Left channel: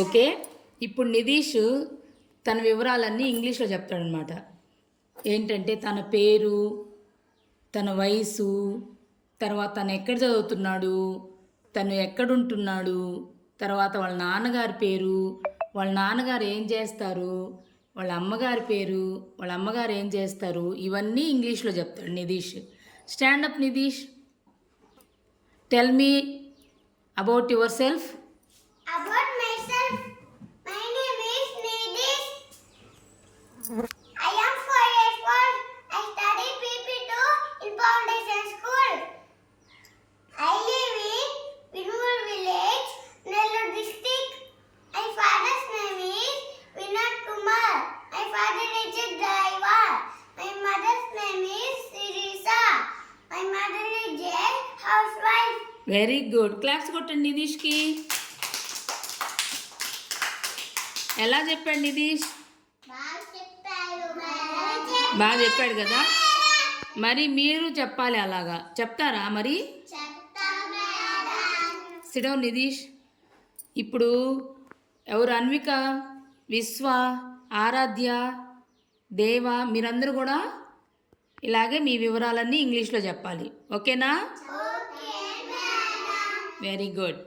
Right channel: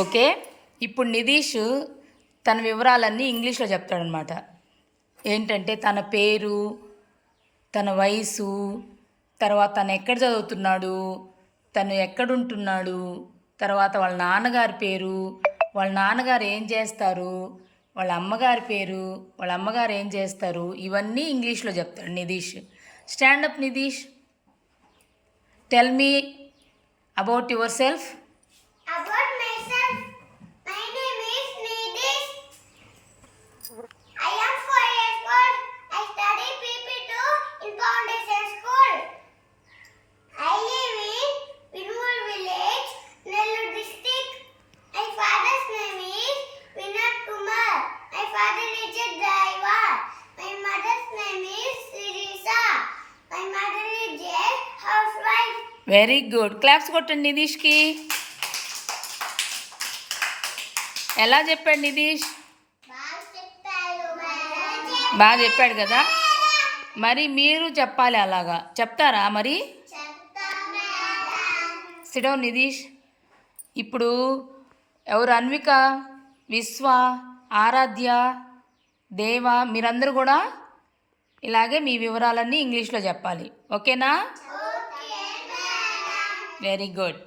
Okay. ఇప్పుడు నితీష్ తన వివరాలన్నీ ఇంగ్లీష్లో చెప్తాడనమాట. ఏంటంటే తన పేరు, తన వయసు, తర్వాత తను ఎక్కడ చదువుతున్నాడు, తను ఎక్కడుంటున్నాడు, తర్వాత వాళ్ళ నాన్నగారి పేరు, వాళ్ళ నాన్నగారు ఏం చేస్తారు, వాళ్ళ అమ్మగారి పేరు, వాళ్ళ అమ్మగారు ఏం చేస్తారు, ఇవన్నీ ఇంగ్లీష్లో చెప్తాడు Nitish. Stand up Nitish, tell me about yourself. About myself, my name is Nidish. I am 4 years old. I study PP2 in Foundation School. I live in Vinur village, Nellore district. My father's name is Vinod Kumar. My father is a driver. My mother's name is Sirisa. My mother is a housewife. Very good. Claps కొట్టండి నితీష్కి. ఎలా చెప్పాడు నితీష్? బాగా చెప్పాడు కదా. మరి మీరు చెప్పాలి, అలాగా చెప్తారా మరి? సిడౌన్ నితీష్. ఇప్పుడు ఎవరు? అన్విక, విశ్వ, ఆరాధ్య, దేవ, మీరందరూ కూడా ఇలాగే మీ వివరాలన్నీ ఇంగ్లీష్లో చెప్పాలి. ఓకేనా? Very good.